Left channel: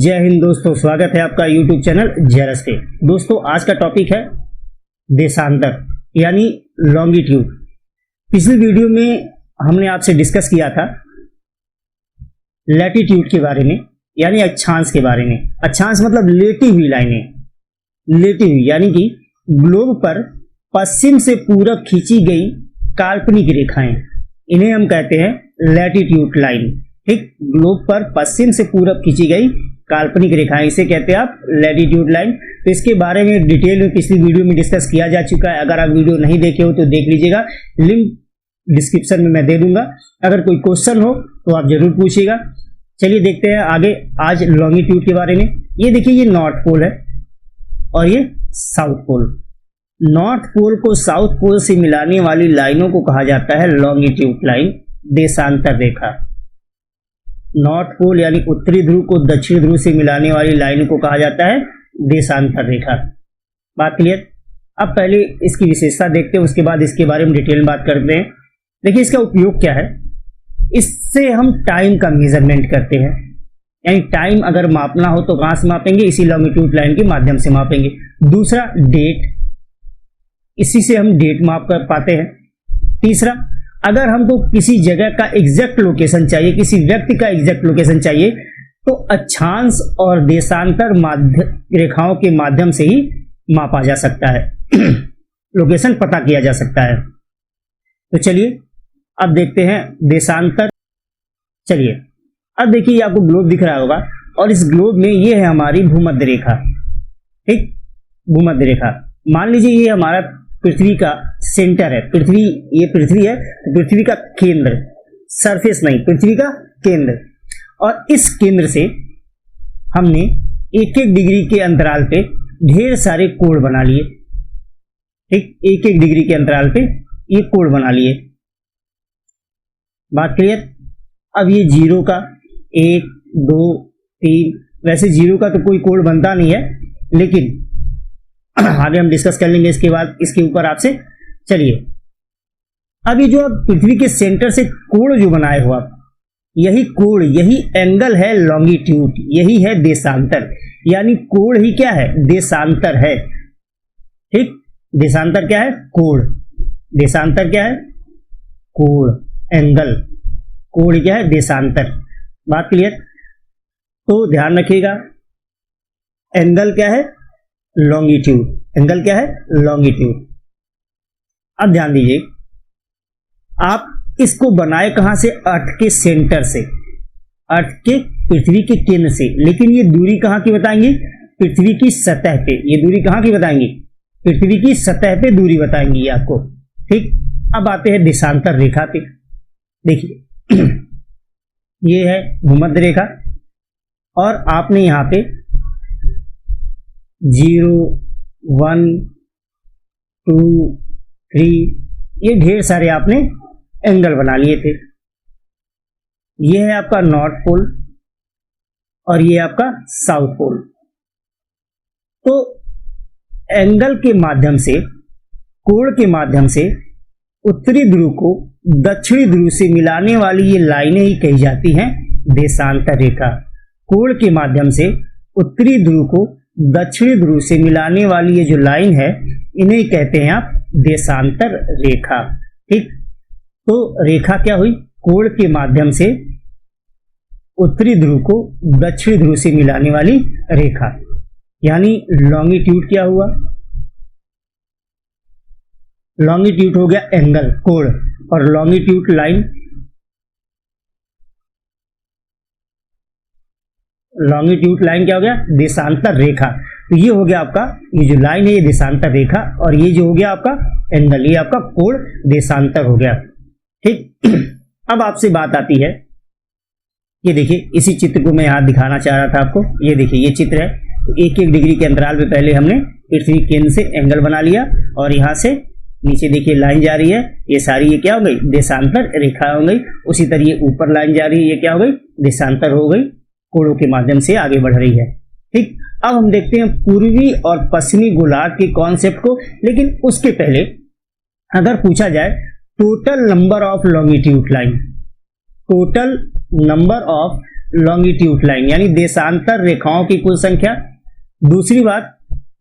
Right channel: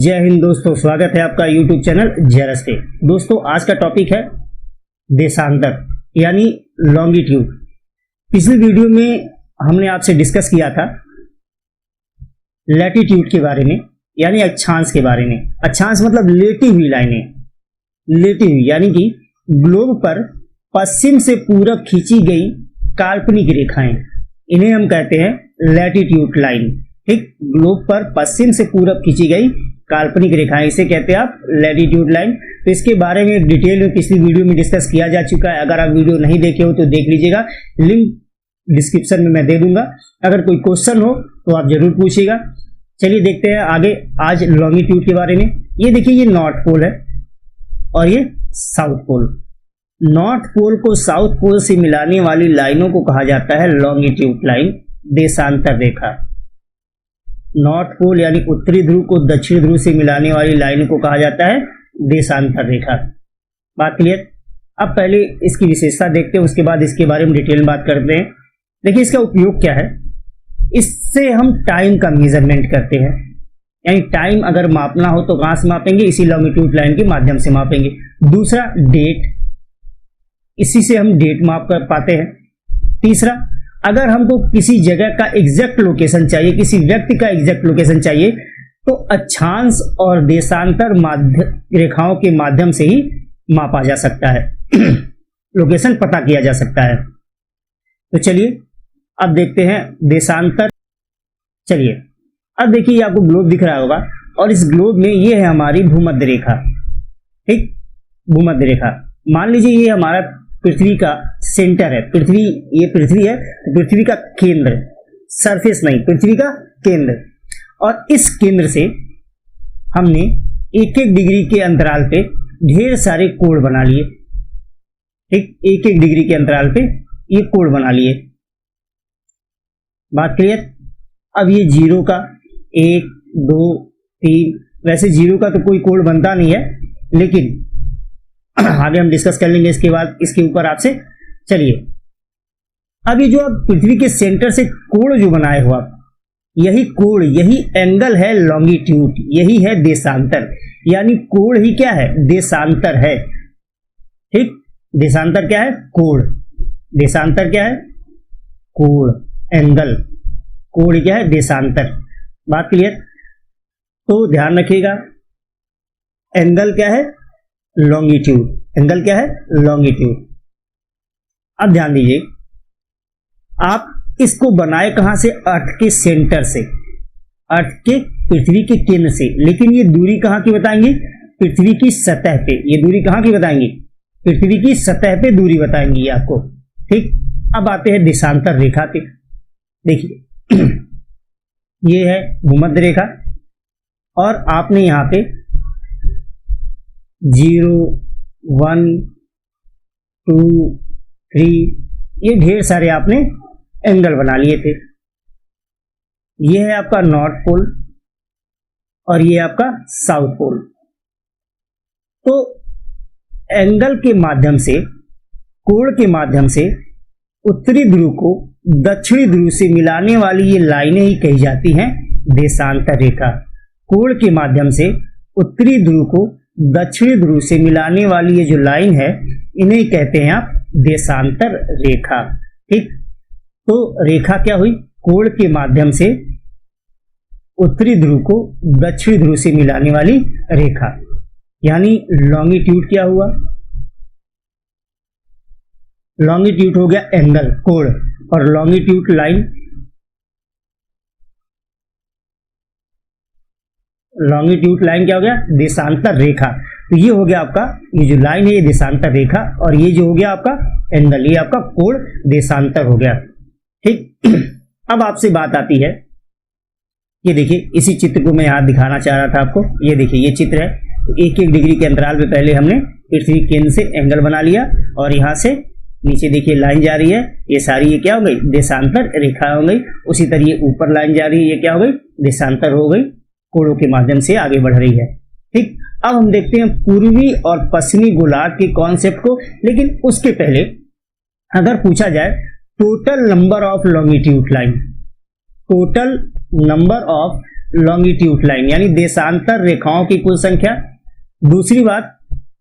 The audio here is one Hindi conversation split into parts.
जय हिंद दोस्तों, स्वागत है आपका YouTube चैनल जेरस पे। दोस्तों आज का टॉपिक है देशांतर यानी लॉन्गिट्यूड। पिछली वीडियो में हमने आपसे डिस्कस किया था लैटिट्यूड के बारे में यानी अक्षांश के बारे में। अक्षांश मतलब लेटी हुई लाइनें, लेटी हुई यानी कि ग्लोब पर पश्चिम से पूरब खींची गई काल्पनिक रेखाएं, इन्हें हम कहते हैं लैटिट्यूड लाइन। ठीक, ग्लोब पर पश्चिम से पूरब खींची गई काल्पनिक रेखाएं, इसे कहते हैं आप लैटिट्यूड लाइन। तो इसके बारे में डिटेल में पिछली वीडियो में डिस्कस किया जा चुका है। अगर आप वीडियो नहीं देखे हो तो देख लीजिएगा, लिंक डिस्क्रिप्शन में मैं दे दूंगा। अगर कोई क्वेश्चन हो तो आप जरूर पूछिएगा। चलिए देखते हैं आगे आज लॉन्गिट्यूड के बारे में। ये देखिए, ये नॉर्थ पोल है और ये साउथ पोल। नॉर्थ पोल को साउथ पोल से मिलाने वाली लाइनों को कहा जाता है लॉन्गिट्यूड लाइन, देशांतर रेखा। नॉर्थ पोल यानी उत्तरी ध्रुव को दक्षिण ध्रुव से मिलाने वाली लाइन को कहा जाता है देशांतर रेखा। बात क्लियर? अब पहले इसकी विशेषता देखते हैं, उसके बाद इसके बारे में डिटेल में बात करते हैं। देखिए इसका उपयोग क्या है। इससे हम टाइम का मेजरमेंट करते हैं, यानी टाइम अगर मापना हो तो कहां से मापेंगे? इसी लॉन्गिट्यूड लाइन के माध्यम से मापेंगे। दूसरा डेट, इसी से हम डेट माप कर पाते हैं। तीसरा, अगर हमको किसी जगह का एग्जैक्ट लोकेशन चाहिए, किसी व्यक्ति का एग्जैक्ट लोकेशन चाहिए, तो अक्षांश और देशांतर रेखाओं के माध्यम से ही मापा जा सकता है, लोकेशन पता किया जा सकता है। तो चलिए अब देखते हैं देशांतर। चलिए अब देखिए, आपको ग्लोब दिख रहा होगा और इस ग्लोब में ये है हमारी भूमध्य रेखा। ठीक, भूमध्य रेखा। मान लीजिए ये हमारा पृथ्वी का सेंटर है। पृथ्वी, ये पृथ्वी है, पृथ्वी का केंद्र, सरफेस नहीं, पृथ्वी का केंद्र। और इस केंद्र से हमने एक एक डिग्री के अंतराल पे ढेर सारे कोण बना लिए। ठीक, एक एक डिग्री के अंतराल पे ये कोण बना लिए। बात क्लियर? अब ये जीरो का 1 2 3, वैसे जीरो का तो कोई कोण बनता नहीं है, लेकिन आगे हम डिस्कस कर लेंगे इसके बाद इसके ऊपर आपसे। चलिए अब ये जो पृथ्वी के सेंटर से कोण जो बनाए हुआ, यही कोण, यही एंगल है लॉन्गिट्यूड, यही है देशांतर। यानी कोण ही क्या है? देशांतर है। ठीक, देशांतर क्या है? कोण। देशांतर क्या है? कोण, एंगल। कोण क्या है? देशांतर। बात क्लियर? तो ध्यान रखिएगा, एंगल क्या है? लॉन्गिट्यूड। एंगल क्या है? लॉन्गिट्यूड। अब ध्यान दीजिए, आप इसको बनाए कहां से? अर्थ के सेंटर से, अर्थ के, पृथ्वी के केंद्र से। लेकिन ये दूरी कहां की बताएंगे? पृथ्वी की सतह पे। ये दूरी कहां की बताएंगे? पृथ्वी की सतह पे दूरी बताएंगे ये आपको। ठीक, अब आते हैं देशांतर रेखा पे। देखिए ये है भूमध्य रेखा और आपने यहां पे 0 1 2 3 ये ढेर सारे आपने एंगल बना लिए थे। ये है आपका नॉर्थ पोल और ये आपका साउथ पोल। तो एंगल के माध्यम से, कोण के माध्यम से उत्तरी ध्रुव को दक्षिणी ध्रुव से मिलाने वाली ये लाइनें ही कही जाती हैं देशांतर रेखा। कोण के माध्यम से उत्तरी ध्रुव को दक्षिणी ध्रुव से मिलाने वाली ये जो लाइन है, इन्हें कहते हैं आप देशांतर रेखा। ठीक, तो रेखा क्या हुई? कोण के माध्यम से उत्तरी ध्रुव को दक्षिणी ध्रुव से मिलाने वाली रेखा, यानी लॉन्गिट्यूड क्या हुआ? लॉन्गिट्यूड हो गया एंगल, कोण, और लॉन्गिट्यूड लाइन, लॉन्गिट्यूड लाइन क्या हो गया? देशांतर रेखा। तो ये हो गया आपका, ये जो लाइन है ये देशांतर रेखा, और ये जो हो गया आपका एंगल, ये आपका कोण देशांतर हो गया। ठीक, अब आपसे बात आती है, ये देखिए इसी चित्र को मैं यहां दिखाना चाह रहा था आपको। ये देखिए ये चित्र है। तो एक एक डिग्री के अंतराल पे पहले हमने पृथ्वी केंद्र से एंगल बना लिया और यहां से नीचे देखिए लाइन जा रही है, ये सारी ये क्या हो गई? देशांतर रेखा हो गई। उसी तरह ये ऊपर लाइन जा रही है, ये क्या हो गई? देशांतर हो गई, कोणों के माध्यम से आगे बढ़ रही है। ठीक, अब हम देखते हैं पूर्वी और पश्चिमी गोलार्ध के कॉन्सेप्ट को। लेकिन उसके पहले अगर पूछा जाए total number of longitude line, total number of longitude line यानी देशांतर रेखाओं की कुल संख्या। दूसरी बात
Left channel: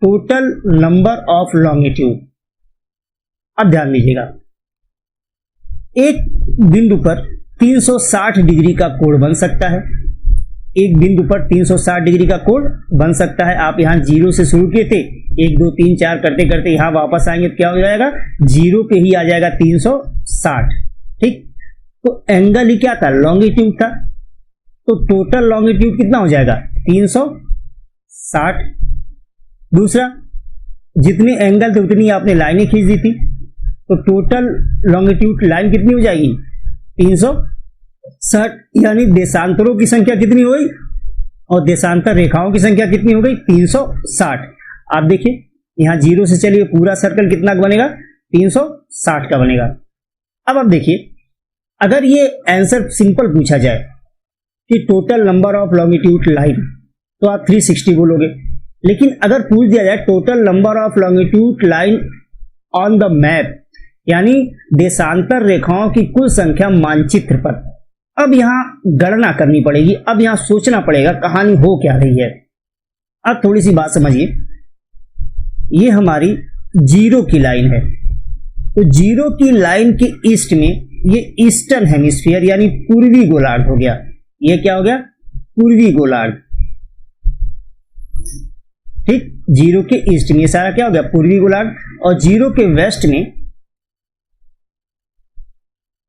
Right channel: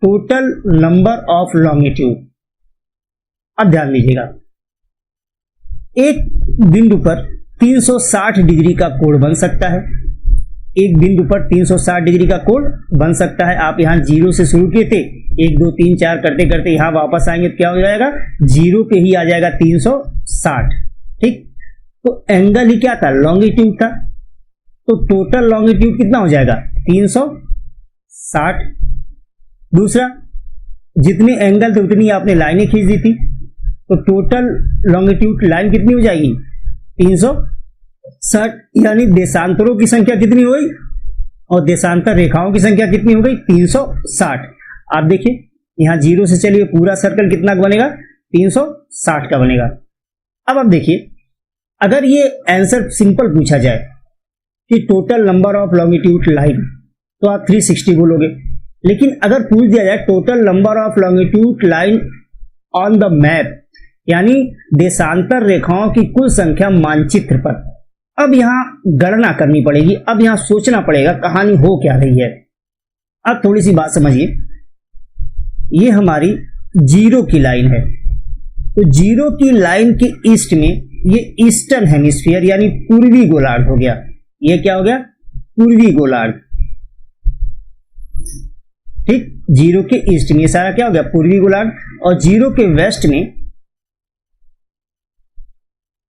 टोटल नंबर ऑफ लॉन्गिट्यूड। अब ध्यान दीजिएगा, एक बिंदु पर 360 डिग्री का कोण बन सकता है, एक बिंदु पर 360 डिग्री का कोण बन सकता है। आप यहां 0 से शुरू किए थे, 1 2 3 4 करते करते यहां वापस आएंगे तो क्या हो जाएगा, 0 पे ही आ जाएगा 360। ठीक, तो एंगल ही क्या था, लॉन्गिट्यूड था, तो टोटल लॉन्गिट्यूड कितना हो जाएगा 360। दूसरा, जितने एंगल थे उतनी आपने लाइनें खींच दी थी, तो टोटल लॉन्गिट्यूड लाइन कितनी हो जाएगी 360, यानी देशांतरों की संख्या कितनी हो गई और देशांतर रेखाओं की संख्या कितनी हो गई 360। आप देखिए यहां 0 से चलिए पूरा सर्कल कितना बनेगा 360 का बनेगा। अब आप देखिए, अगर ये आंसर सिंपल पूछा जाए कि total number of longitude line, तो आप 360 बोलोगे। लेकिन अगर पूछ दिया जाए total number of longitude line on the map, यानी देशांतर रेखाओं की कुल संख्या मानचित्र पर, अब यहां गणना करनी पड़ेगी, अब यहां सोचना पड़ेगा कहानी हो क्या रही है। अब थोड़ी सी बात समझिए, ये हमारी 0 की लाइन है, तो 0 की लाइन के ईस्ट में ये ईस्टर्न हेमिस्फीयर यानी पूर्वी गोलार्ध हो गया। ये क्या हो गया, पूर्वी गोलार्ध। ठीक, 0 के ईस्ट में सारा क्या हो गया, पूर्वी गोलार्ध, और 0 के वेस्ट में,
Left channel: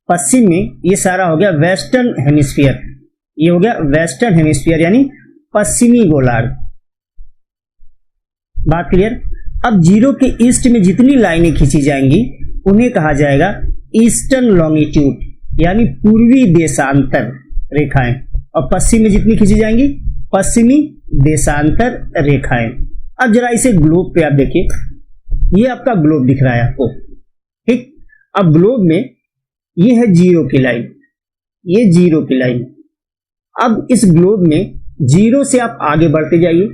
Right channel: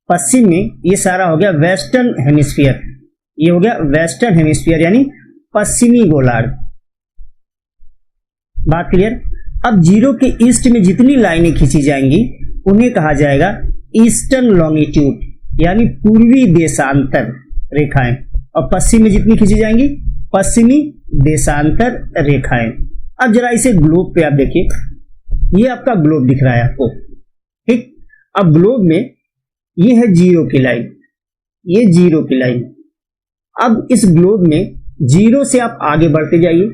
पश्चिम में, ये सारा हो गया वेस्टर्न हेमिस्फीयर। ये हो गया वेस्टर्न हेमिस्फीयर यानी पश्चिमी गोलार्ध। बात क्लियर। अब 0 के ईस्ट में जितनी लाइनें खींची जाएंगी उन्हें कहा जाएगा ईस्टर्न लॉन्गिट्यूड यानी पूर्वी देशांतर रेखाएं, और पश्चिम में जितनी खींची जाएंगी पश्चिमी देशांतर रेखाएं। अब जरा इसे ग्लोब पे आप देखिए, ये आपका ग्लोब दिख रहा है आपको। ठीक, अब ग्लोब में ये है 0 की लाइन, ये 0 की लाइन। अब इस ग्लोब में 0 से आप आगे बढ़ते जाइए।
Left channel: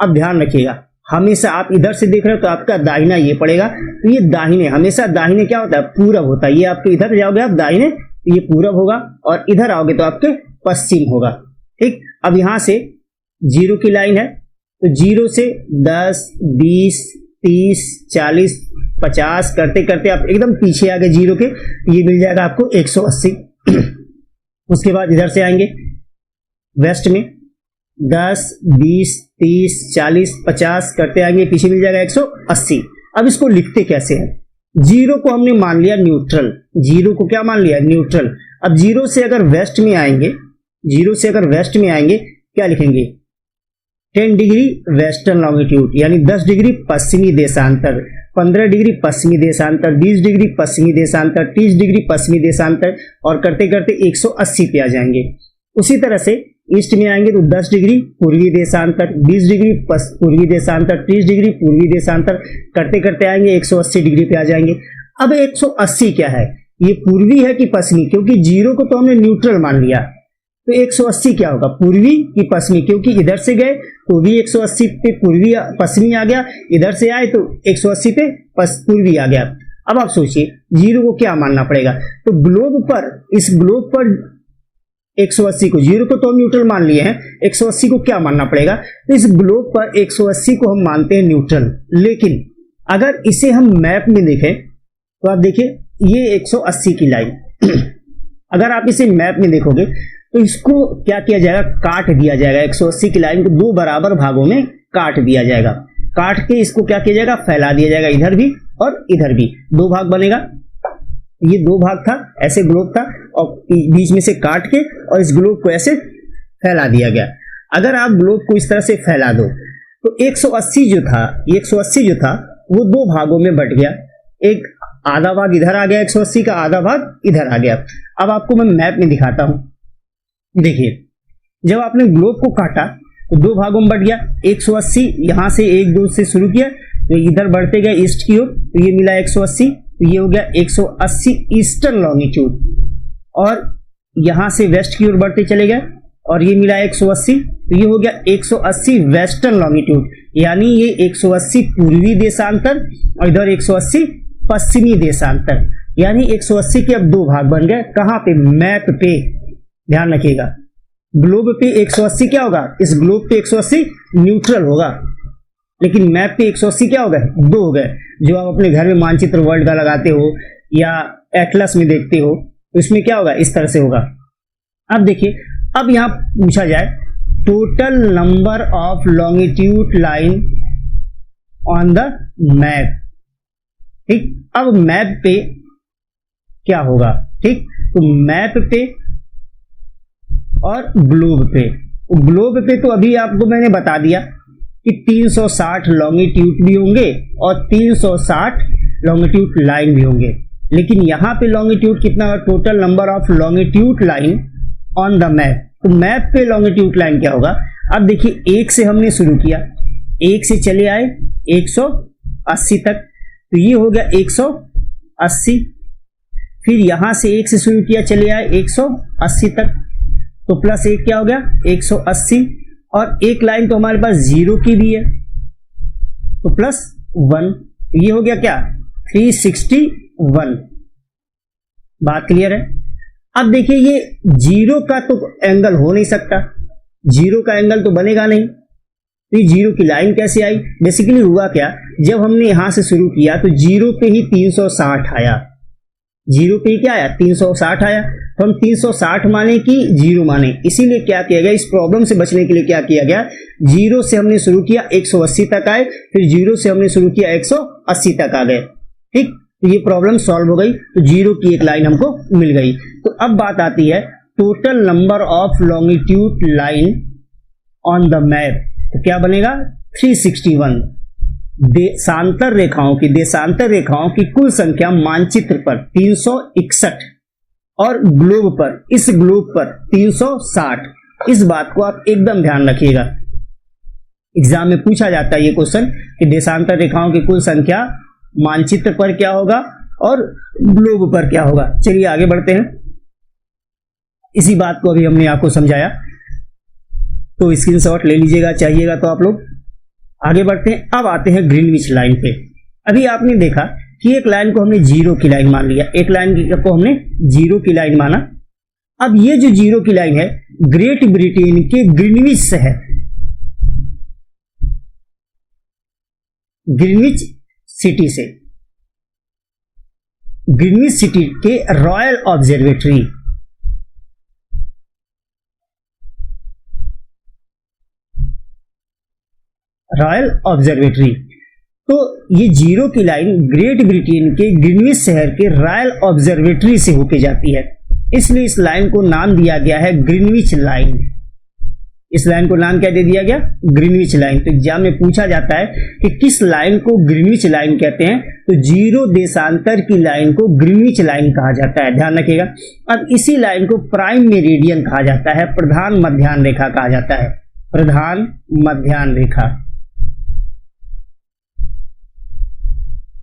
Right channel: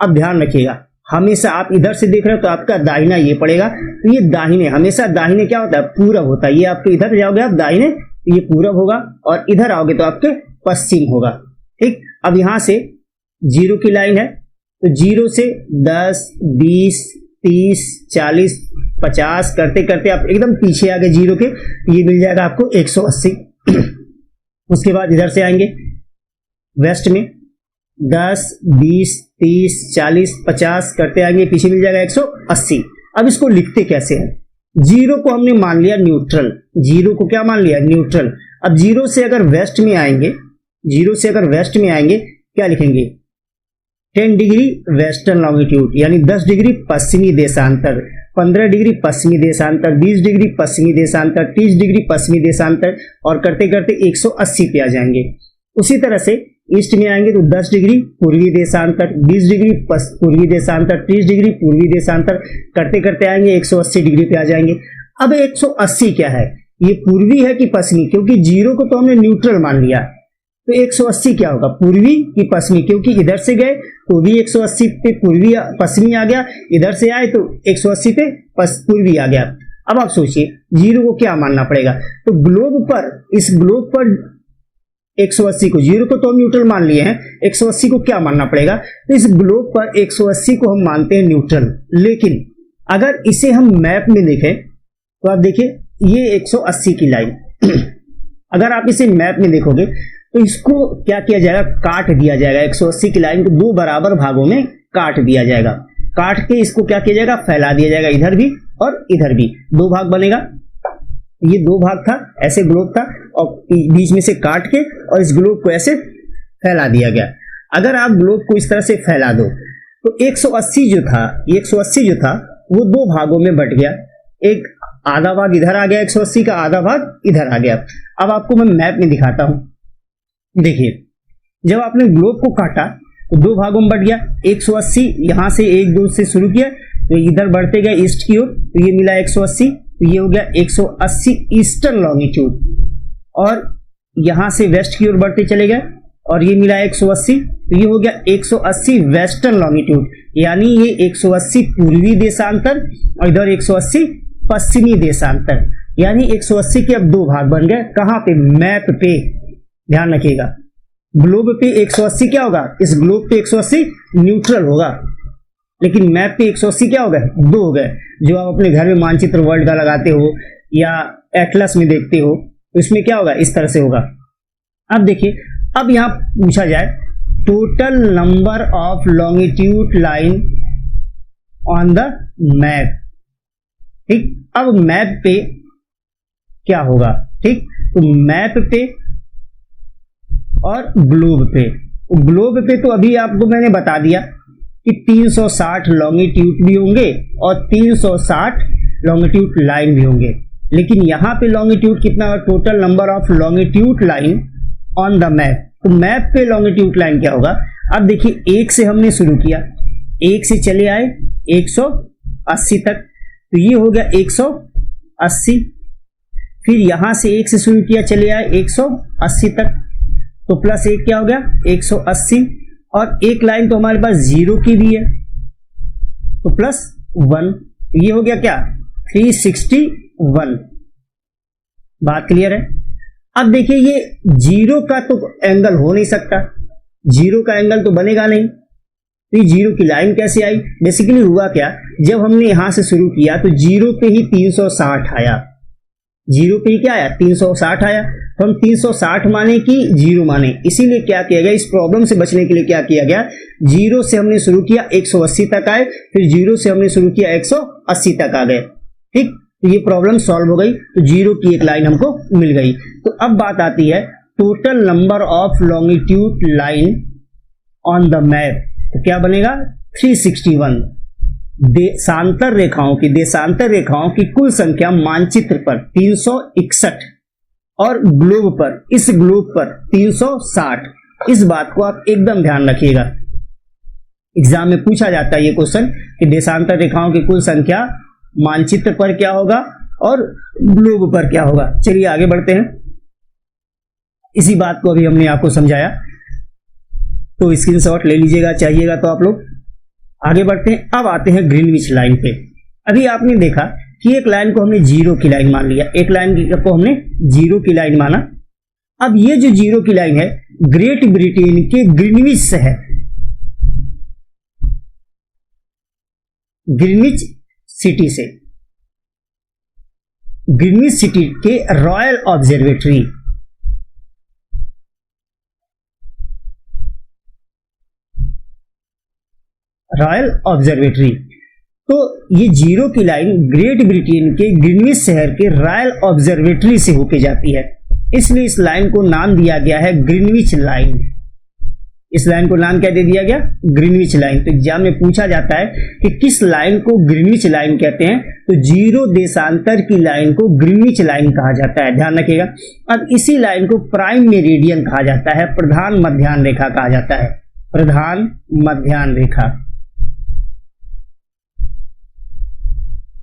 अब ध्यान रखिएगा, हमेशा आप इधर से देख रहे हो तो आपका दाहिना ये पड़ेगा, तो ये दाहिने, हमेशा दाहिने क्या होता है, पूरब होता है। ये आपके इधर जाओगे आप दाहिने तो ये पूरब होगा, और इधर आओगे तो आपके पश्चिम होगा। ठीक, अब यहां से 0 की लाइन है, तो 0 से 10 20 30 40 50 करते करते आप एकदम पीछे आ गए 0 के, ये मिल जाएगा आपको 180। उसके बाद इधर से आएंगे वेस्ट में 10 20 30 40 50 करते आएंगे, पीछे मिल जाएगा 180। अब इसको लिखते कैसे हैं, 0 को हमने मान लिया न्यूट्रल, 0 को क्या मान लिया, न्यूट्रल। अब 0 से अगर वेस्ट में आएंगे, 0 से अगर वेस्ट में आएंगे क्या लिखेंगे, 10 डिग्री वेस्टर्न लॉन्गिट्यूड यानी 10 डिग्री पश्चिमी देशांतर, 15 डिग्री पश्चिमी देशांतर, 20 डिग्री पश्चिमी देशांतर, 30 डिग्री पश्चिमी देशांतर, और करते करते 180 पे आ जाएंगे। उसी तरह से ईस्ट में आएंगे तो 10 डिग्री पूर्वी देशांतर, 20 डिग्री पूर्वी देशांतर, 30 डिग्री पूर्वी देशांतर, करते करते आएंगे 180 डिग्री पे आ जाएंगे। अब 180 क्या है, ये पूर्वी है कि पश्चिमी, क्योंकि 0 को तो हमने न्यूट्रल मान लिया, तो 180 क्या होगा, पूर्वी कि पश्चिमी, क्योंकि इधर से गए तो भी 180 पे पूर्वी पश्चिमी आ गया, इधर से आए तो 180 पे पूर्वी आ गया। अब आप सोचिए 0 को क्या मानना पड़ेगा, तो ग्लोब पर, इस ग्लोब पर 180 को, 0 को तो हम न्यूट्रल मान लिए हैं, 180 को क्या मानना पड़ेगा, तो इस ग्लोब पर 180 को हम मानते हैं न्यूट्रल। लेकिन अगर इसे हम मैप में देखें तो आप देखिए ये 180 की लाइन अगर आप इसे मैप में देखोगे तो इसको क्या किया जाएगा, काट दिया जाएगा। 180 की लाइन को 2 बराबर भागों में काट दिया जाएगा, काट के इसको क्या किया जाएगा, फैला दिया जाएगा, इधर भी और इधर भी 2 भाग बनेगा। ये 2 भाग था, ऐसे ग्लोब था, और बीच में से काट के और इस ग्लोब को ऐसे फैला दिया गया। अगर आप ग्लोब को इस तरह से फैला दो तो 180 जो था, 180 जो था वो 2 भागों में बट गया, एक आधा भाग इधर आ गया, 180 का आधा भाग इधर आ गया। अब आपको मैं मैप में दिखाता हूं, देखिए जब आपने ग्लोब को काटा तो 2 भागों में बट गया, 180 यहां से 1 2 से शुरू किया तो इधर बढ़ते गए ईस्ट की ओर, तो ये मिला 180, तो ये हो गया 180 ईस्टर्न लॉन्गिट्यूड, और यहां से वेस्ट की ओर बढ़ते चले गए और ये मिला 180, तो ये हो गया 180 वेस्टर्न लॉन्गिट्यूड, यानी ये 180 पूर्वी देशांतर और इधर 180 पश्चिमी देशांतर, यानी 180 के अब 2 भाग बन गए। कहां पे, मैप पे, ध्यान रखिएगा ग्लोब पे 180 क्या होगा, इस ग्लोब पे 180 न्यूट्रल होगा, लेकिन मैप पे 180 क्या हो गए, 2 हो गए। जो आप अपने घर में मानचित्र वर्ल्ड का लगाते हो या एटलस में देखते हो, तो इसमें क्या होगा, इस तरह से होगा। अब देखिए, अब यहां पूछा जाए total number of longitude line on the map. ठीक, अब मैप पे क्या होगा, ठीक, तो मैप पे और ग्लोब पे, तो ग्लोब पे तो अभी आपको मैंने बता दिया कि 360 लॉन्गिट्यूड भी होंगे और 360 लॉन्गिट्यूड लाइन भी होंगे, लेकिन यहां पे लॉन्गिट्यूड कितना है, total number of longitude line on the map. तो मैप पे लॉन्गिट्यूड लाइन क्या होगा, अब देखिए 1 से हमने शुरू किया, 1 से चले आए 180 तक, तो ये हो गया 180, फिर यहां से 1 से शुरू किया, चले आए 180 तक, तो प्लस 1 क्या हो गया 180, और एक लाइन तो हमारे पास 0 की भी है, तो प्लस 1, तो ये हो गया क्या 361। बात क्लियर है। अब देखिए ये 0 का तो एंगल हो नहीं सकता, 0 का एंगल तो बनेगा नहीं, तो ये 0 की लाइन कैसे आई। बेसिकली हुआ क्या, जब हमने यहां से शुरू किया तो 0 पे ही 360 आया, 0 पे ही क्या आया 360 आया, तो हम 360 माने कि 0 माने, इसीलिए क्या किया गया, इस प्रॉब्लम से बचने के लिए क्या किया गया, 0 से हमने शुरू किया 180 तक आए, फिर 0 से हमने शुरू किया 180 तक आ गए। ठीक, तो ये प्रॉब्लम सॉल्व हो गई, तो 0 की एक लाइन हमको मिल गई। तो अब बात आती है total number of longitude line on the map, तो क्या बनेगा 361। देशांतर रेखाओं की कुल संख्या मानचित्र पर 361 और ग्लोब पर, इस ग्लोब पर 360। इस बात को आप एकदम ध्यान रखिएगा, एग्जाम में पूछा जाता है ये क्वेश्चन कि देशांतर रेखाओं की कुल संख्या मानचित्र पर क्या होगा और ग्लोब पर क्या होगा। चलिए आगे बढ़ते हैं, इसी बात को अभी हमने आपको समझाया, तो स्क्रीनशॉट ले लीजिएगा, चाहिएगा तो आप लोग। आगे बढ़ते हैं, अब आते हैं ग्रीनविच लाइन पे। अभी आपने देखा कि एक लाइन को हमने 0 की लाइन मान लिया, एक लाइन को हमने 0 की लाइन माना। अब ये जो 0 की लाइन है ग्रेट ब्रिटेन के ग्रीनविच शहर, ग्रीनविच सिटी से, ग्रीनविच सिटी के रॉयल ऑब्जर्वेटरी, रॉयल ऑब्जर्वेटरी, तो ये 0 की लाइन ग्रेट ब्रिटेन के ग्रीनविच शहर के रॉयल ऑब्जर्वेटरी से होके जाती है, इसलिए इस लाइन को नाम दिया गया है ग्रीनविच लाइन। इस लाइन को नाम क्या दे दिया गया, ग्रीनविच लाइन। तो एग्जाम में पूछा जाता है कि किस लाइन को ग्रीनविच लाइन कहते हैं, तो 0 देशांतर की लाइन को ग्रीनविच लाइन कहा जाता है, ध्यान रखिएगा। अब इसी लाइन को प्राइम मेरिडियन कहा जाता है, प्रधान मध्याह्न रेखा कहा जाता है, प्रधान मध्याह्न रेखा,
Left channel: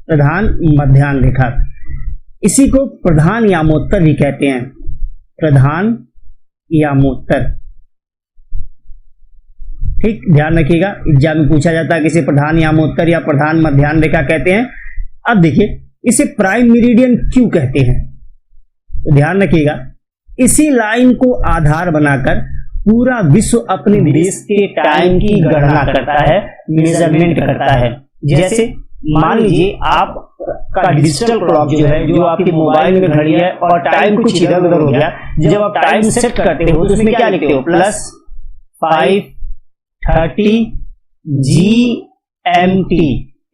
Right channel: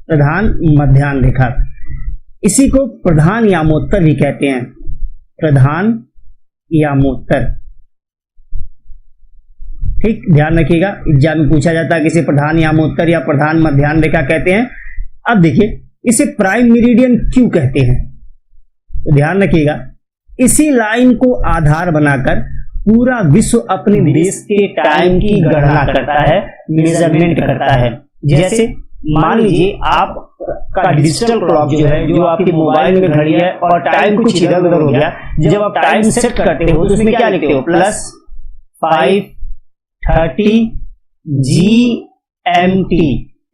प्रधान मध्याह्न रेखा। इसी को प्रधान यामोत्तर भी कहते हैं, प्रधान यामोत्तर। ठीक, ध्यान रखिएगा, एग्जाम में पूछा जाता है कि इसे प्रधान यामोत्तर या प्रधान मध्याह्न रेखा कहते हैं। अब देखिए इसे प्राइम मेरिडियन क्यों कहते हैं, तो ध्यान रखिएगा, इसी लाइन को आधार बनाकर पूरा विश्व अपने देश के टाइम की गणना करता है, मेजरमेंट करता है। जैसे मान लीजिए आप का डिजिटल क्लॉक जो है, जो आपके मोबाइल में घड़ी है और टाइम कुछ इधर उधर हो गया, जब आप टाइम सेट करते हो तो उसमें क्या लिखते हो, +5:30 GMT,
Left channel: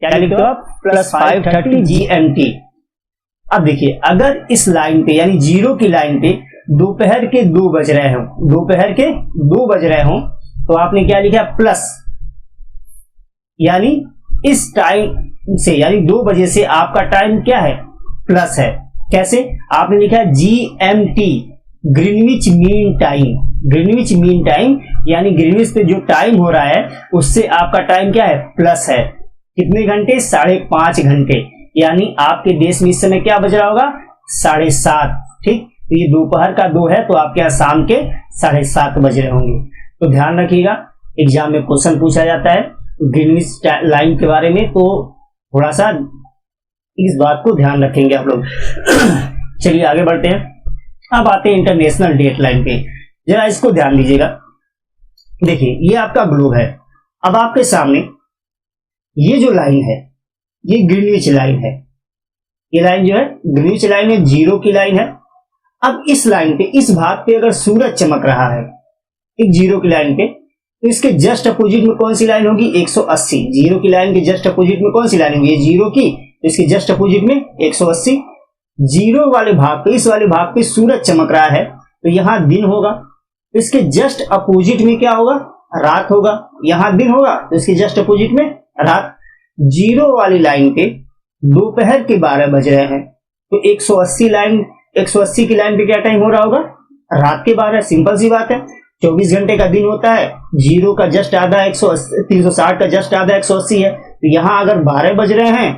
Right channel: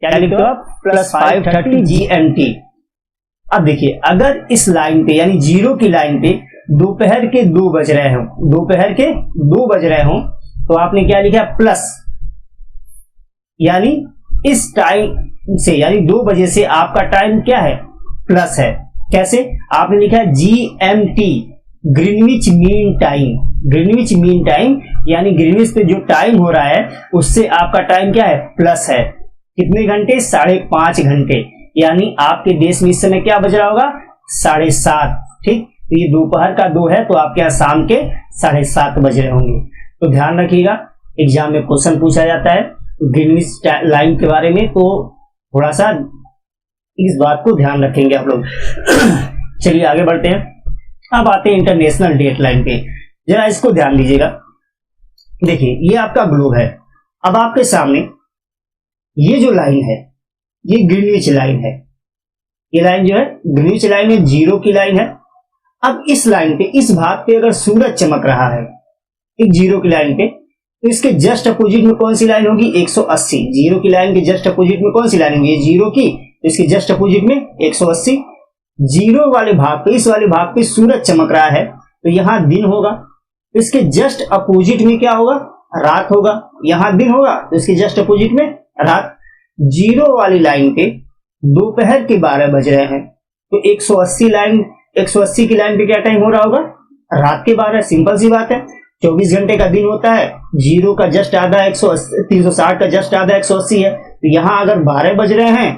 क्या लिखते हो आप, +5:30 GMT। अब देखिए अगर इस लाइन पे यानी 0 की लाइन पे दोपहर के 2 बज रहे हों, दोपहर के 2 बज रहे हों, तो आपने क्या लिखा प्लस, यानी इस टाइम से यानी 2 बजे से आपका टाइम क्या है, प्लस है। कैसे, आपने लिखा है GMT, Greenwich mean time, Greenwich mean time यानी ग्रीनविच पे जो टाइम हो रहा है उससे आपका टाइम क्या है, प्लस है। कितने घंटे, 5.5 घंटे, यानी आपके देश में इस समय क्या बज रहा होगा, 7:30। ठीक, तो ये दोपहर का 2 है तो आपके यहाँ शाम के 7:30 बज रहे होंगे। तो ध्यान रखिएगा, एग्जाम में क्वेश्चन पूछा जाता है ग्रीनविच लाइन के बारे में, तो थोड़ा सा इस बात को ध्यान रखेंगे आप लोग। चलिए आगे बढ़ते हैं, अब आते हैं इंटरनेशनल डेट लाइन पे। जरा इसको ध्यान दीजिएगा। देखिए ये आपका ग्लोब है। अब आपके सामने ये जो लाइन है ये ग्रीनविच लाइन है। ये लाइन जो है ग्रीनविच लाइन है, जीरो की लाइन है। अब इस लाइन पे, इस भाग पे अगर सूरज चमक रहा है एक जीरो की लाइन पे, तो इसके जस्ट अपोजिट में कौन सी लाइन होगी? 180। जीरो की लाइन के जस्ट अपोजिट में कौन सी लाइन होगी? जीरो की, तो इसके जस्ट अपोजिट में 180। जीरो वाले भाग पे, इस वाले भाग पे सूरज चमक रहा है तो यहां दिन होगा, तो इसके जस्ट अपोजिट में क्या होगा? रात होगा। यहां दिन होगा तो इसके जस्ट अपोजिट में रात। जीरो वाली लाइन पे दोपहर के 12 बज रहे हैं तो 180 की लाइन पे क्या टाइम हो रहा होगा? रात के 12। सिंपल सी बात है, 24 घंटे का दिन होता है। जीरो का जस्ट आधा 360 का जस्ट आधा 180 है, तो यहां अगर 12 बज रहे हैं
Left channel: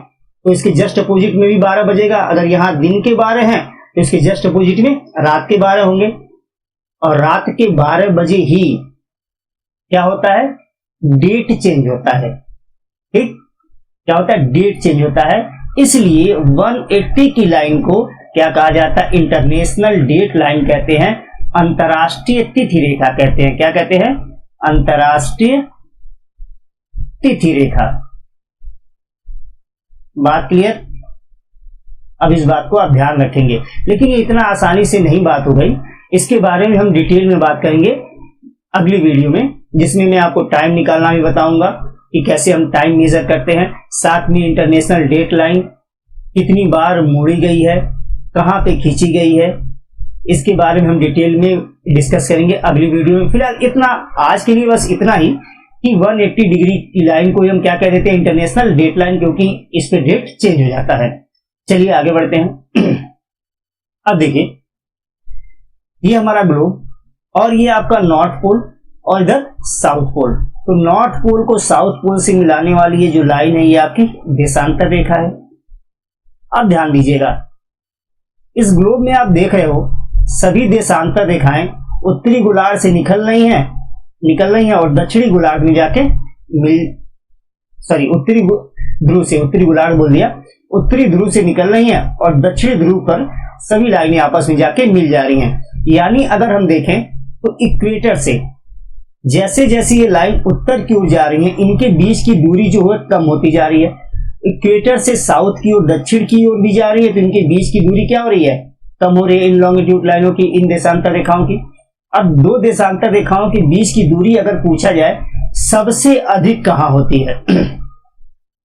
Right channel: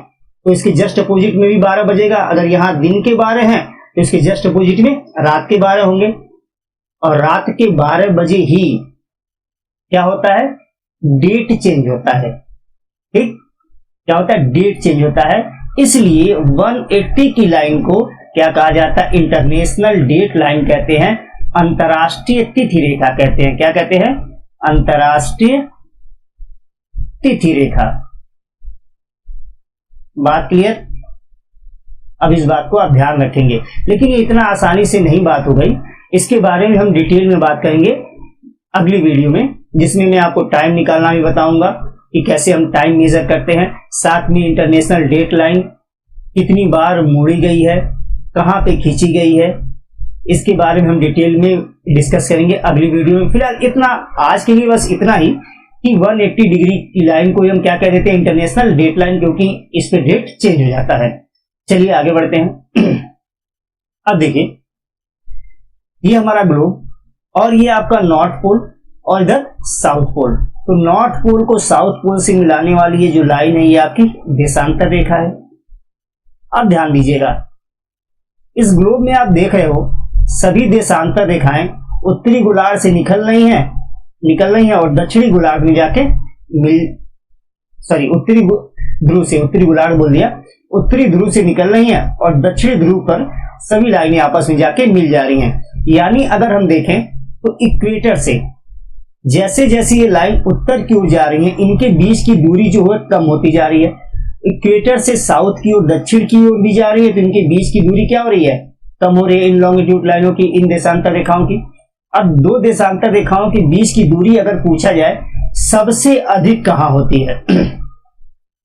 तो इसके जस्ट अपोजिट में भी 12 बजेगा। अगर यहां दिन के 12 हैं तो इसके जस्ट अपोजिट में रात के 12 होंगे। और रात के 12 बजे ही क्या होता है? डेट चेंज होता है। ठीक, क्या होता है? डेट चेंज होता है। इसलिए 180 की लाइन को क्या कहा जाता है? इंटरनेशनल डेट लाइन कहते हैं, अंतर्राष्ट्रीय तिथि रेखा कहते हैं। क्या कहते हैं? अंतर्राष्ट्रीय तिथि रेखा। बात क्लियर? अब इस बात को आप ध्यान रखेंगे, लेकिन ये इतना आसानी से नहीं बात हो गई। इसके बारे में हम डिटेल में बात करेंगे अगली वीडियो में, जिसमें मैं आपको टाइम निकालना भी बताऊंगा कि कैसे हम टाइम मेजर करते हैं। साथ में इंटरनेशनल डेट लाइन कितनी बार मोड़ी गई है, कहां पे खींची गई है, इसके बारे में हम डिटेल में डिस्कस करेंगे अगली वीडियो में। फिलहाल इतना, आज के लिए बस इतना ही कि 180 डिग्री की लाइन को हम क्या कह देते हैं? इंटरनेशनल डेट लाइन, क्योंकि इस पे डेट चेंज हो जाता है। चलिए आगे बढ़ते हैं। अब देखिए ये हमारा ग्लोब और ये आपका नॉर्थ पोल और इधर साउथ पोल। तो नॉर्थ पोल को साउथ पोल से मिलाने वाली ये जो लाइन है ये आपकी देशांतर रेखा है। अब ध्यान दीजिएगा, इस ग्लोब में आप देख रहे हो सभी देशांतर रेखाएं उत्तरी गोलार्ध से निकल रही हैं और दक्षिणी गोलार्ध में जाके उत्तरी गोलार्ध बोल दिया, उत्तरी ध्रुव से निकल रही हैं और दक्षिणी ध्रुव पर सभी लाइनें आपस में जाके मिल जा रही हैं। यानी अगर हम देखें तो इक्वेटर से जैसे जैसे ये लाइन उत्तर की ओर जा रही है, इनके बीच की दूरी जो है कम होती जा रही है। इक्वेटर से साउथ की ओर, दक्षिण की ओर भी जा रही है, तो इनके बीच की दूरी क्या हो रही है? कम हो रही है इन लॉन्गिट्यूड लाइनों की, इन देशांतर रेखाओं की। अब दो देशांतर रेखाओं के बीच की दूरी अगर पूछा जाए सबसे अधिक कहां होती है?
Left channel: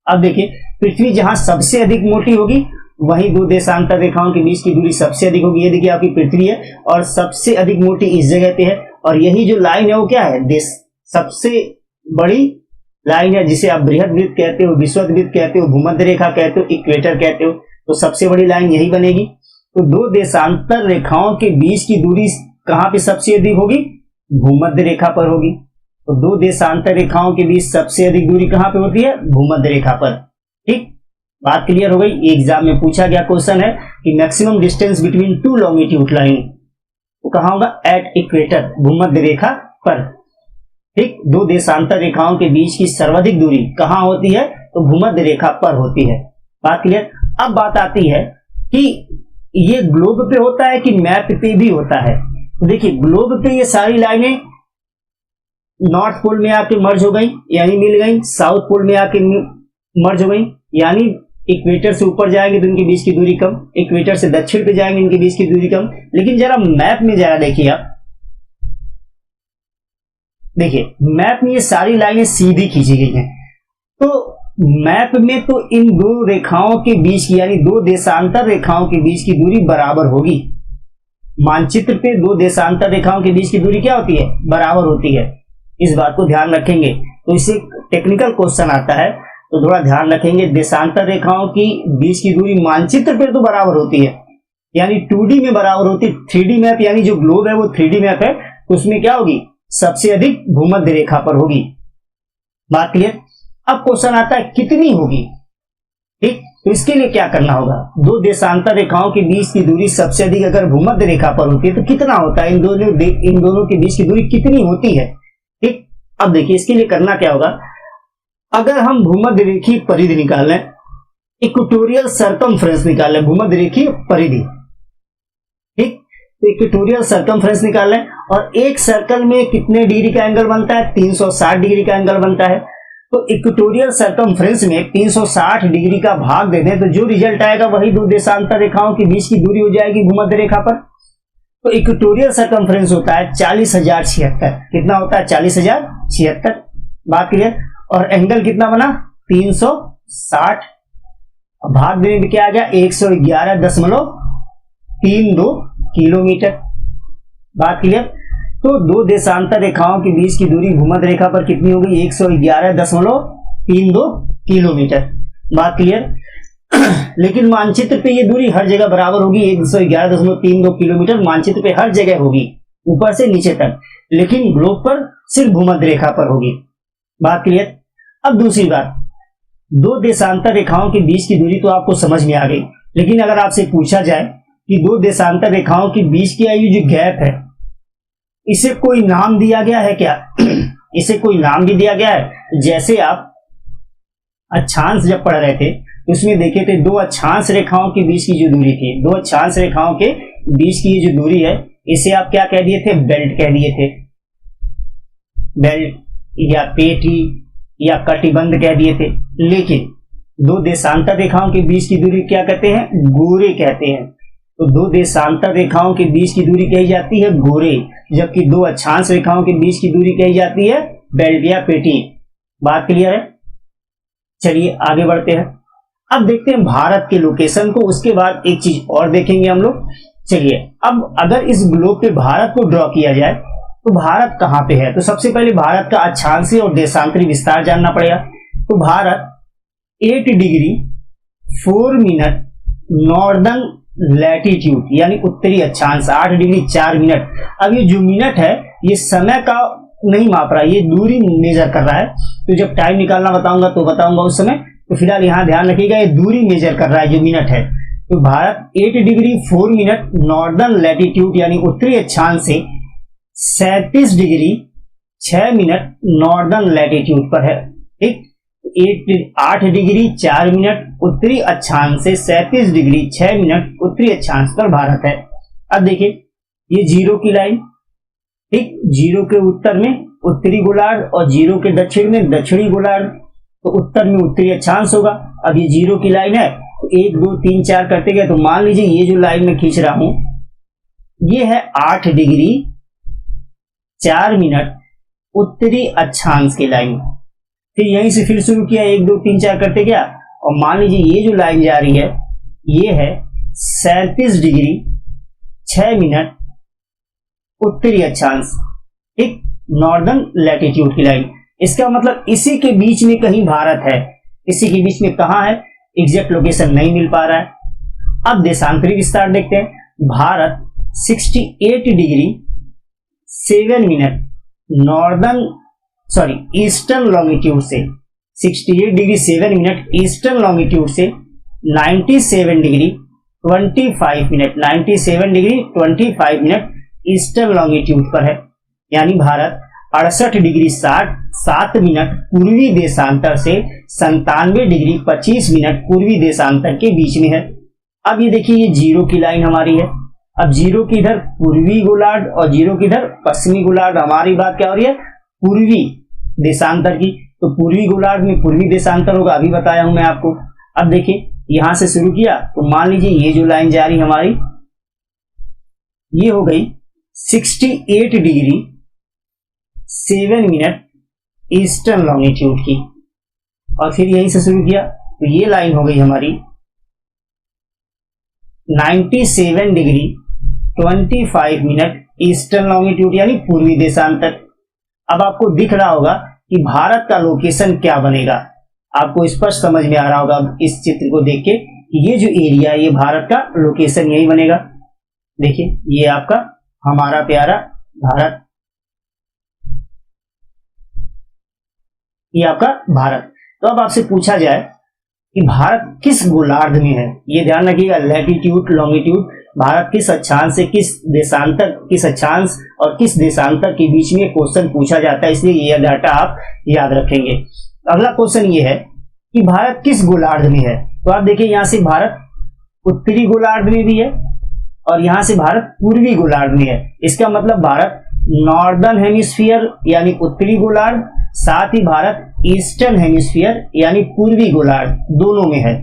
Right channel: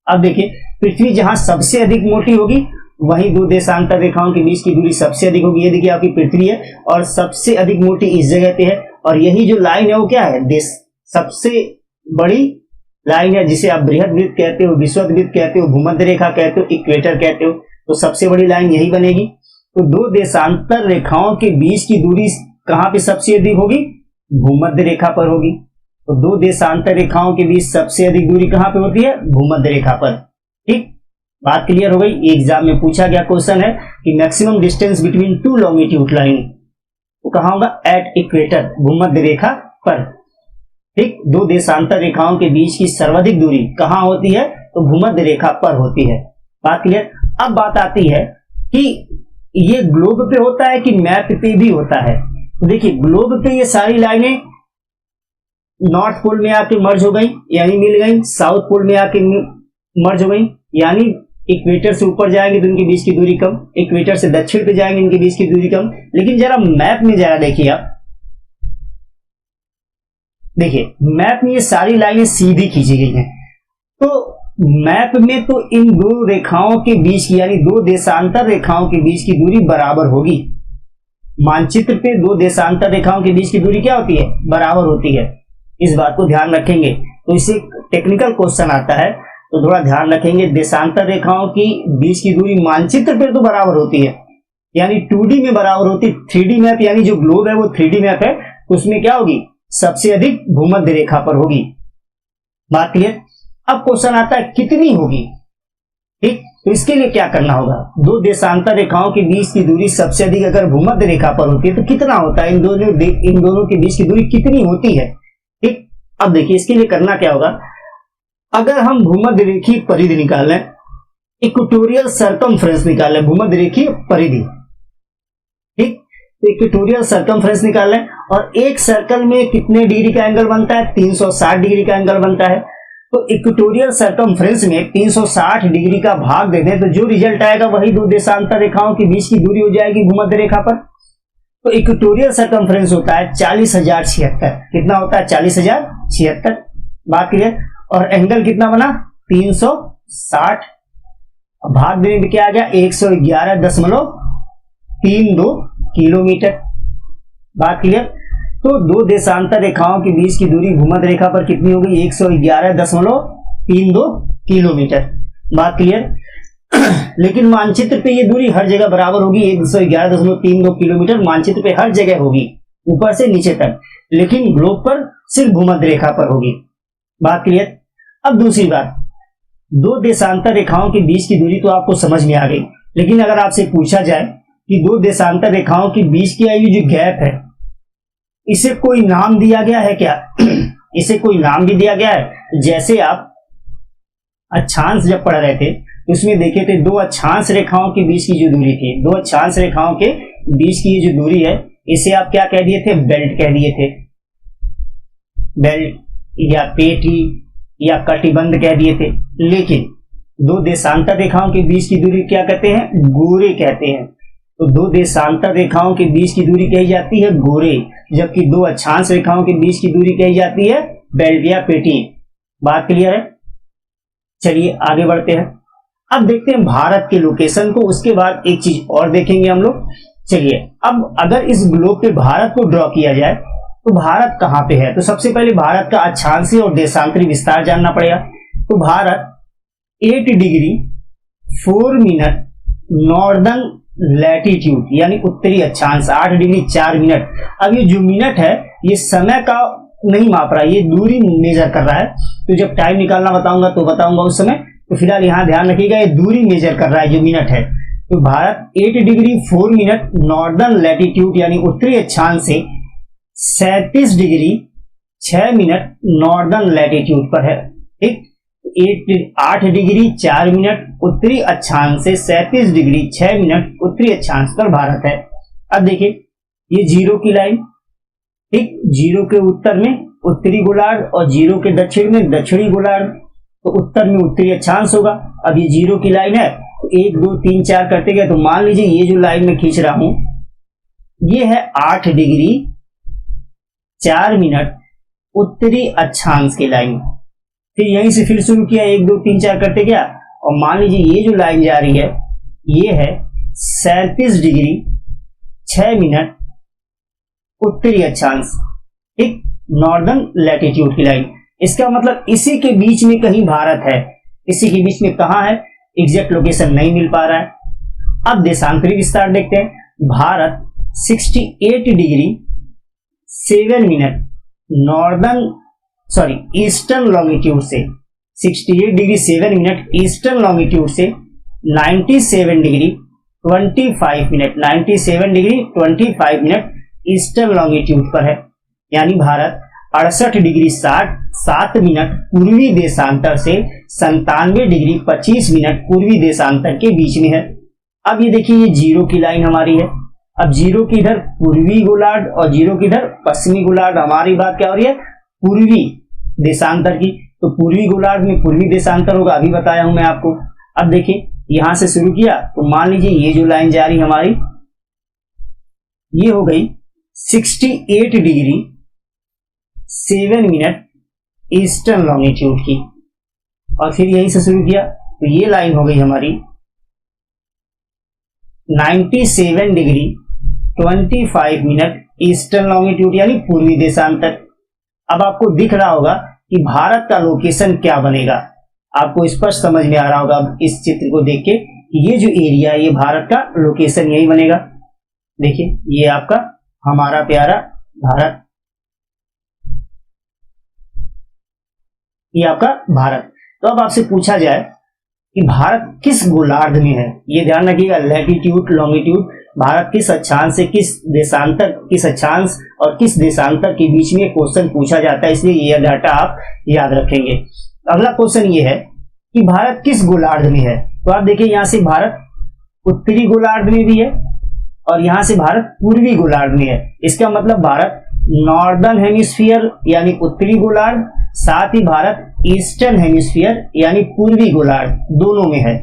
अब देखिए, पृथ्वी जहां सबसे अधिक मोटी होगी वही दो देशांतर रेखाओं के बीच की दूरी सबसे अधिक होगी। ये देखिए आपकी पृथ्वी है और सबसे अधिक मोटी इस जगह पे है, और यही जो लाइन है वो क्या है? सबसे बड़ी लाइन है, जिसे आप बृहद वृत्त कहते हो, विषुवत वृत्त कहते हो, भूमध्य रेखा कहते हो, इक्वेटर कहते हो। तो सबसे बड़ी लाइन यही बनेगी। तो दो देशांतर रेखाओं के बीच की दूरी कहां पे सबसे अधिक होगी? भूमध्य रेखा पर होगी। तो दो देशांतर रेखाओं के बीच सबसे अधिक दूरी कहां पे होती है? भूमध्य रेखा पर। ठीक, बात क्लियर हो गई। एग्जाम में पूछा गया क्वेश्चन है कि maximum distance between two longitude line, वो कहां होगा? एट इक्वेटर, भूमध्य रेखा पर। ठीक, दो देशांतर रेखाओं के बीच की सर्वाधिक दूरी कहां होती है? तो भूमध्य रेखा पर होती है। बात क्लियर। अब बात आती है कि ये ग्लोब पे होता है कि मैप पे भी होता है। तो देखिए ग्लोब पे ये सारी लाइनें नॉर्थ पोल में आके मर्ज हो गई यानी मिल गई, साउथ पोल में आके मर्ज हो गई यानी इक्वेटर से ऊपर जाएंगे तो इनके बीच की दूरी कम, इक्वेटर से दक्षिण पे जाएंगे इनके बीच की दूरी कम। लेकिन जरा मैप में जरा देखिए आप, देखिए मैप में ये सारी लाइनें सीधी खींची गई हैं। तो मैप में तो इन दो रेखाओं के बीच की यानी दो देशांतर रेखाओं के बीच की दूरी बराबर होगी। मानचित्र पे दो देशांतर रेखाओं के बीच की दूरी क्या होती है? बराबर होती है। इस बात को ध्यान रखेंगे। तो इससे टेक्निकल क्वेश्चन आता है तो थोड़ा ध्यान रखेंगे। देशांतर रेखाओं की बीच की दूरी मानचित्र पे तो बराबर होती है यानी 2D में बराबर होती है। 3D मैप यानी जो ग्लोब है वो 3D मैप है, उसमें क्या होगी? सबसे अधिक भूमध्य रेखा पर होगी। बात क्लियर। अब क्वेश्चन आता है कितनी होगी? ठीक, तो इसके लिए क्या करना होगा? दो देशांतर रेखाओं के बीच की दूरी सबसे अधिक अगर भूमध्य रेखा पर होती है तो कितना होता है? इन दोनों के बीच की दूरी कितनी होती है? ठीक, अब देखिए इसके लिए करना क्या होगा। अगर हम भूमध्य रेखीय परिधि निकाल लें, इक्वेटोरियल सर्कमफ्रेंस निकाल लें, भूमध्य रेखीय परिधि, ठीक, तो इक्वेटोरियल सर्कमफ्रेंस निकाल लें, और एक सर्कल में कितने डिग्री का एंगल बनता है? 360 डिग्री का एंगल बनता है। तो इक्वेटोरियल सर्कमफ्रेंस में 360 डिग्री का भाग दे दें तो जो रिजल्ट आएगा वही दो देशांतर रेखाओं के बीच की दूरी हो जाएगी भूमध्य रेखा पर। तो इक्वेटोरियल सर्कमफ्रेंस होता है 40,076। कितना होता है? 40,076। बात क्लियर। और एंगल कितना बना? 360। भाग देने में क्या आ गया? 111.32 किलोमीटर। बात क्लियर। तो दो देशांतर रेखाओं के बीच की दूरी भूमध्य रेखा पर कितनी होगी? 111.32 किलोमीटर। बात क्लियर। लेकिन मानचित्र पे ये दूरी हर जगह बराबर होगी, 111.32 किलोमीटर मानचित्र पे हर जगह होगी, ऊपर से नीचे तक, लेकिन ग्लोब पर सिर्फ भूमध्य रेखा पर होगी। बात क्लियर। अब दूसरी बात, दो देशांतर रेखाओं के बीच की दूरी तो आपको समझ में आ गई, लेकिन अगर आपसे पूछा जाए कि दो देशांतर रेखाओं के बीच की ये जो गैप है, इसे कोई नाम दिया गया है क्या? इसे कोई नाम भी दिया गया है। जैसे आप अक्षांश जब पढ़ रहे थे उसमें देखे थे, दो अक्षांश रेखाओं के बीच की जो दूरी थी, दो अक्षांश रेखाओं के बीच की जो दूरी है, इसे आप क्या कह दिए थे? बेल्ट कह दिए थे। बेल्ट या पेटी या कटिबंध कह दिए थे। लेकिन दो देशांतर रेखाओं के बीच की दूरी क्या कहते हैं? गोरे कहते हैं। तो दो देशांतर रेखाओं के बीच की दूरी कही जाती है गोरे, जबकि दो अक्षांश रेखाओं के बीच की दूरी कही जाती है बेल्ट या पेटी। बात क्लियर है? चलिए आगे बढ़ते हैं। अब देखते हैं भारत के लोकेशन को, उसके बाद एक चीज और देखेंगे हम लोग। चलिए, अब अगर इस ग्लोब पे भारत को ड्रॉ किया जाए तो भारत कहां पे है? तो सबसे पहले भारत का अक्षांशीय और देशांतरी विस्तार जानना पड़ेगा। तो Bharat 8 degree 4 minute northern latitude यानी उत्तरी अक्षांश, 8 डिग्री 4 मिनट। अब ये जो मिनट है ये समय का नहीं माप रहा है, ये दूरी मेजर कर रहा है। तो जब टाइम निकालना बताऊंगा तो बताऊंगा उस समय। तो फिलहाल यहां ध्यान रखिएगा, ये दूरी मेजर कर रहा है जो मिनट है। तो Bharat 8 degree 4 minute northern latitude यानी उत्तरी अक्षांश से 37 डिग्री 6 मिनट नॉर्दर्न लैटिट्यूड पर है। ठीक, 8 डिग्री 4 मिनट उत्तरी अक्षांश से 37 डिग्री 6 मिनट उत्तरी अक्षांश पर भारत है। अब देखिए ये जीरो की लाइन, ठीक, जीरो के उत्तर में उत्तरी गोलार्ध और जीरो के दक्षिण में दक्षिणी गोलार्ध, तो उत्तर में उत्तरी अक्षांश होगा। अब ये जीरो की लाइन है, तो 1 2 3 4 करते गए तो मान लीजिए ये जो लाइन में खींच रहा हूं ये है 8 डिग्री 4 मिनट उत्तरी अक्षांश की लाइन। फिर यहीं से फिर शुरू किया, 1 2 3 4 करते गया, और मान लीजिए ये जो लाइन जा रही है ये है 37 डिग्री 6 मिनट उत्तरी अक्षांश, ठीक, नॉर्दर्न लैटिट्यूड की लाइन। इसका मतलब इसी के बीच में कहीं भारत है। इसी के बीच में कहां है? एग्जैक्ट लोकेशन नहीं मिल पा रहा है। अब देशांतरी विस्तार देखते हैं। Bharat 68 degree 7 minute eastern longitude से 68 डिग्री 7 मिनट ईस्टर्न लॉन्गिट्यूड से 97 degree 25 minute 97 degree 25 minute eastern longitude पर है। यानी भारत 68 डिग्री 7 मिनट पूर्वी देशांतर से 97 डिग्री 25 मिनट पूर्वी देशांतर के बीच में है। अब ये देखिए ये जीरो की लाइन हमारी है। अब जीरो की इधर पूर्वी गोलार्ध और जीरो की इधर पश्चिमी गोलार्ध। हमारी बात क्या हो रही है? पूर्वी देशांतर की। तो पूर्वी गोलार्ध में पूर्वी देशांतर होगा, अभी बताया हूं मैं आपको। अब देखिए यहां से शुरू किया तो मान लीजिए ये जो लाइन जा रही हमारी ये हो गई 68 डिग्री 7 मिनट ईस्टर्न लॉन्गिट्यूड की, और फिर यहीं से शुरू किया तो ये लाइन हो गई हमारी 97 डिग्री 25 मिनट ईस्टर्न लॉन्गिट्यूड यानी पूर्वी देशांतर। अब आपको दिख रहा होगा कि भारत का लोकेशन क्या बनेगा, आपको स्पष्ट समझ में आ रहा होगा इस चित्र को देख के कि ये जो एरिया है ये भारत का लोकेशन यही बनेगा। देखिए ये आपका हमारा प्यारा भारत, ये आपका भारत। तो अब आपसे पूछा जाए कि भारत किस गोलार्ध में है, ये ध्यान रखिएगा, लैटिट्यूड लॉन्गिट्यूड, भारत किस अक्षांश से किस देशांतर, किस अक्षांश और किस देशांतर के बीच में क्वेश्चन पूछा जाता है, इसलिए ये डाटा आप याद रखेंगे। अगला क्वेश्चन ये है कि भारत किस गोलार्ध में है। तो आप देखिए यहां से भारत उत्तरी गोलार्ध में भी है और यहाँ से भारत पूर्वी गोलार्ध में है। इसका मतलब भारत नॉर्दर्न हेमिस्फीयर यानी उत्तरी गोलार्ध, साथ ही भारत ईस्टर्न हेमिस्फीयर यानी पूर्वी गोलार्ध दोनों में है।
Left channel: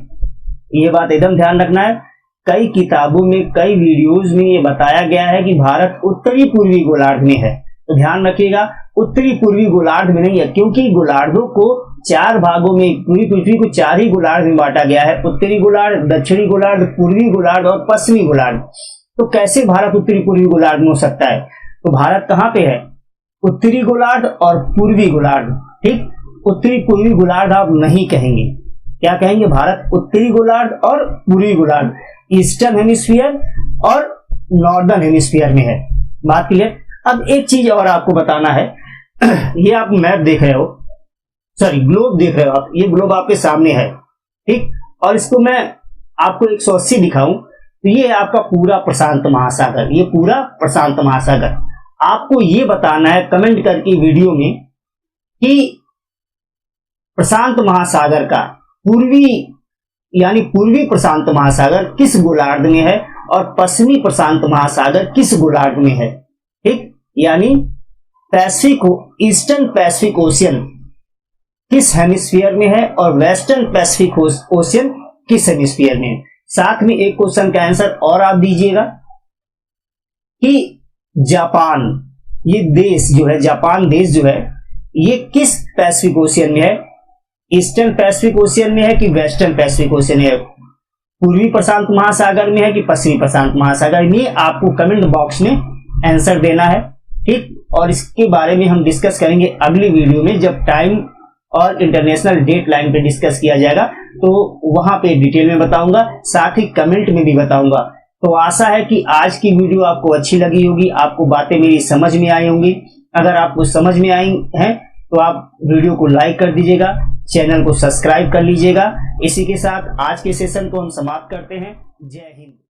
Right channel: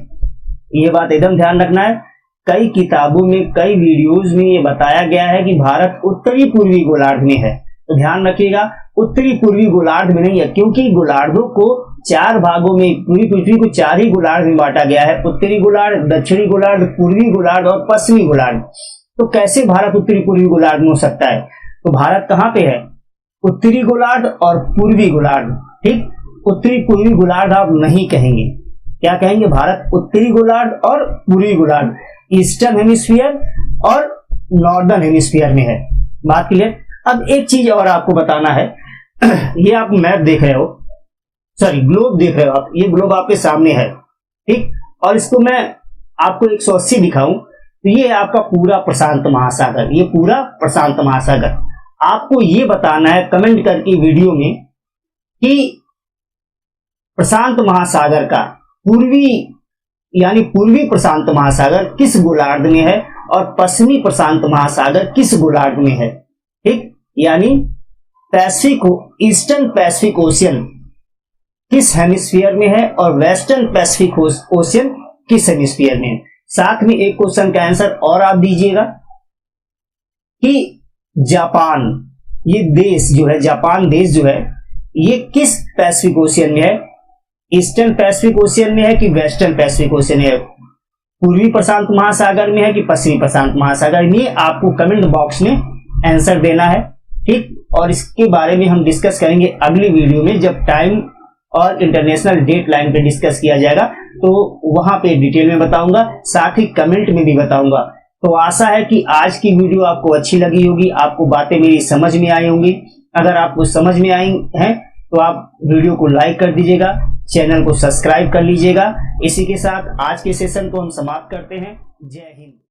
ये बात एकदम ध्यान रखना है। कई किताबों में, कई वीडियोज में ये बताया गया है कि भारत उत्तरी पूर्वी गोलार्ध में है, तो ध्यान रखिएगा उत्तरी पूर्वी गोलार्ध में नहीं है, क्योंकि गोलार्धों को 4 भागों में, पूरी पृथ्वी को 4 ही गोलार्ध में बांटा गया है, उत्तरी गोलार्ध, दक्षिणी गोलार्ध, पूर्वी गोलार्ध और पश्चिमी गोलार्ध। तो कैसे भारत उत्तरी पूर्वी गोलार्ध में हो सकता है? तो भारत कहाँ पे है? उत्तरी गोलार्ध और पूर्वी गोलार्ध। ठीक, उत्तरी पूर्वी गोलार्ध आप नहीं कहेंगे, क्या कहेंगे? भारत उत्तरी गोलार्ध और पूर्वी गोलार्ध, ईस्टर्न हेमिस्फीयर और नॉर्दर्न हेमिस्फीयर में है। बात क्लियर? अब एक चीज और आपको बताना है, ये आप मैप देख रहे हो, सॉरी ग्लोब देख रहे हो आप, ये ग्लोब आपके सामने है, ठीक, और इसको मैं आपको 180 दिखाऊं तो ये आपका पूरा प्रशांत महासागर, ये पूरा प्रशांत महासागर। आपको ये बताना है कमेंट करके वीडियो में कि प्रशांत महासागर का पूर्वी यानी पूर्वी प्रशांत महासागर किस गोलार्ध में है और पश्चिमी प्रशांत महासागर किस गोलार्ध में है। ठीक, यानी पैसिफिक, ईस्टर्न पैसिफिक ओशियन किस हेमिस्फीयर में है और वेस्टर्न पैसिफिक ओशियन किस हेमिस्फीयर में है। साथ में एक क्वेश्चन का आंसर और आप दीजिएगा कि जापान, ये देश जो है, जापान देश जो है, ये किस पैसिफिक ओशियन में है? ईस्टर्न पैसिफिक ओशियन में है कि वेस्टर्न पैसिफिक ओशियन में है? पूर्वी प्रशांत महासागर में है कि पश्चिमी प्रशांत महासागर में? आपको कमेंट बॉक्स में आंसर देना है। ठीक, और इसके बारे में हम डिस्कस करेंगे अगली वीडियो में, जब टाइम और इंटरनेशनल डेट लाइन पे डिस्कस किया जाएगा, तो वहां पे डिटेल में बताऊंगा, साथ ही कमेंट में भी बताऊंगा। तो आशा है कि आज की वीडियो आपको अच्छी लगी होगी, आपको बातें मेरी समझ में आई होंगी। अगर आपको समझ में आई हैं तो आप वीडियो को लाइक कर दीजिएगा, चैनल को सब्सक्राइब कर लीजिएगा। इसी के साथ आज के सेशन को हम समाप्त करते हैं। जय हिंद।